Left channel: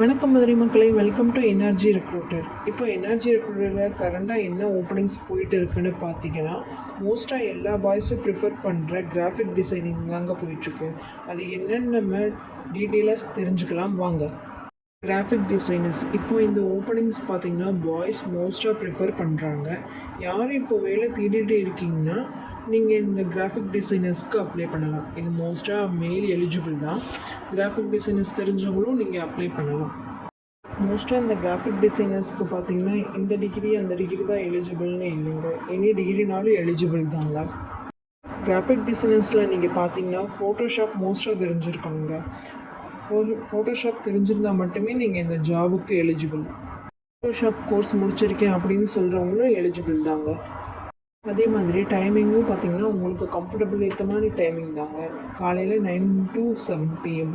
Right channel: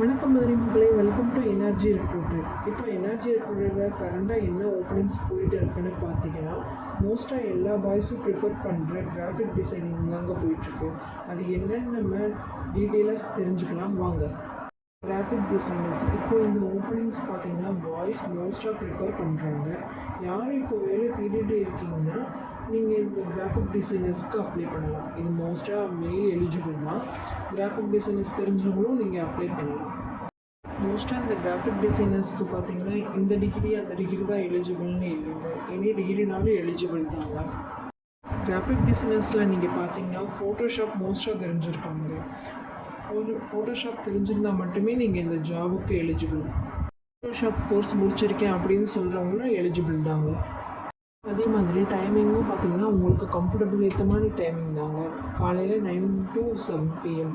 வணக்கம் மதுரை மக்களே. Welcome to energy recruiter இப்போ எனர்ஜி ரெக்ரூட்டரில் கரண்டாக என்ன ஓப்பனிங்ஸ் போயிட்டு இருக்குன்னு பார்த்தீங்கன்னா மோஸ்ட்டாக எல்லா பாய்ஸும் ப்ரிஃபர் பண்ணுற கிராஃபிக் டிசைனிங் தாங்க போயிட்டுருக்கு. அது என்னென்னு நம்ம டீட்டெயிலாக தெரிஞ்சுக்கலாம். வாங்க. கிராஃபிக் டிசைனர்ஸ் இப்போ இந்த ஓப்பனிங்ஸ் பார்த்தீங்கன்னா பாய்ஸ் மோஸ்ட்டாக ப்ரிஃபர் பண்ணுறாங்க யார் இப்போ வேலை தேடிட்டு இருக்கீங்கன்னா நீங்கள் இந்த கிராஃபிக் டிசைனர்ஸ்க்கு அப்ளை பண்ணலாம். இது மோஸ்ட்டாக மெயில் எலிஜிபிள் தான். கிராஃபிக் டிசைனர்ஸ் தெரிஞ்சவங்களும் நீங்கள் அப்ளை பண்ணலாம். மோஸ்ட்டாக இந்த கிராஃபிக் டிசைனர்ஸ்க்கு பார்த்தீங்கன்னா இந்த டிகிரி அந்த டிகிரி தான் எலிஜிபிள்னு இல்லைங்க எனி டிகிரினாலும் எலிஜிபிள் தாங்க கிராஃபிக் டிசைனர்ஸில் நீங்கள் பார்த்தீங்கன்னா ஃபோட்டோஷாப் மோஸ்ட்டாக தெரிஞ்சிருக்கணுங்க ஃபோட்டோ ஃபோட்டோஷாப் தெரிஞ்சிருந்தால் மட்டுமே நீங்கள் இந்த ஜாபுக்கு எலிஜிபிள் ஃபோட்டோஷாப் கோர்ஸ் முடிச்சிருக்கேன் அப்படின்னு சொல்கிறவங்களும் எலிஜிபிள் தாங்க. அதே மாதிரி டைமிங்கும் பார்த்தீங்கன்னா உங்களுக்கு கம்ஃபர்டபுள் ஏற்ற மாதிரி டைமிங் தாங்க. காலையில் நைன் டு செவன் பிஎம்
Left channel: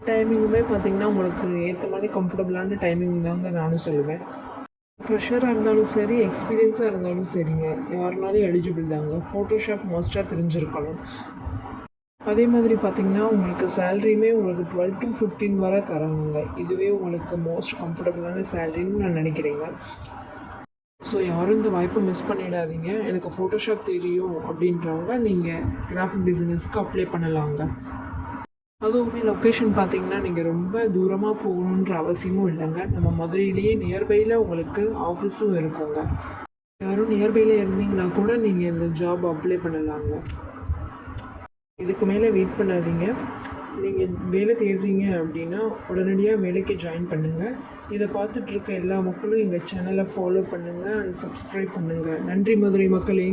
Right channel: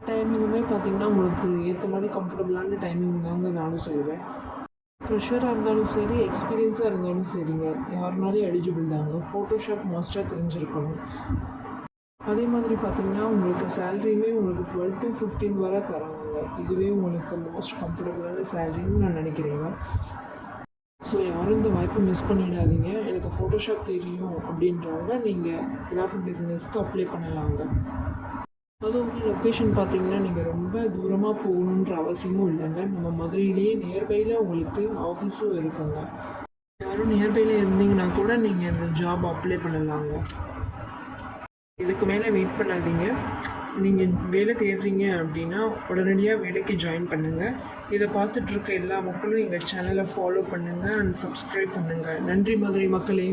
டைமிங்குமே பார்த்தீங்கன்னா உங்களுக்கு ஏற்ற மாதிரி கம்ஃபர்டபுளான டைமிங் தாங்க நானும் சொல்லுவேன். ஃப்ரெஷராக இருந்தாலும் சரி எக்ஸ்பீரியன்ஸாக இருந்தாலும் சரிங்க. யாருனாலும் எலிஜிபிள் தாங்க? ஃபோட்டோஷாப் மோஸ்ட்டாக தெரிஞ்சிருக்கணும். அதே மாதிரி பார்த்தீங்கன்னா உங்களுக்கு சேலரியுமே உங்களுக்கு டுவெல் டு ஃபிஃப்டீன் வரை தராங்கங்க. இதுவே உங்களுக்கு மோஸ்ட் கம்ஃபர்டபுளான சேலரின்னு நான் நினைக்கிறேங்க. ஸோ யாரும் இந்த வாய்ப்பை மிஸ் பண்ணிடாதீங்க. எனக்கு ஃபோட்டோஷாப் தெரியும் அப்படின்றவங்க நீங்கள் கிராஃபிக் டிசைனர்ஸ்க்கு அப்ளை பண்ணலாங்க. அதுவும் லொக்கேஷன் பார்த்தீங்கன்னா நீங்கள் ரொம்ப தூரமாக போகணுன்ற அவசியமும் இல்லைங்க. நம்ம மதுரையிலேயே நியர்பையில் உங்களுக்கு ஆஃபீஸும் இருக்குங்க. யாரும் நியர்பையில் இருந்தீங்கன்னா கூட நீங்கள் இந்த ஜாப் அப்ளை பண்ணலாங்க. இதுக்கு மேலே வெயிட் பண்ணாதீங்க. நீங்கள் வேலை தேடுறீங்க அப்படின்னா உடனடியாக வேலைக்கு ஜாயின் பண்ணுங்கள் இதை பார்த்துட்ருக்க எல்லா மக்களும் எங்கள் சேனலை ஃபாலோ பண்ணுங்கள் அண்ட் சப்ஸ்கிரைப் பண்ணுங்கள் நன்றி மதுரை மக்களே.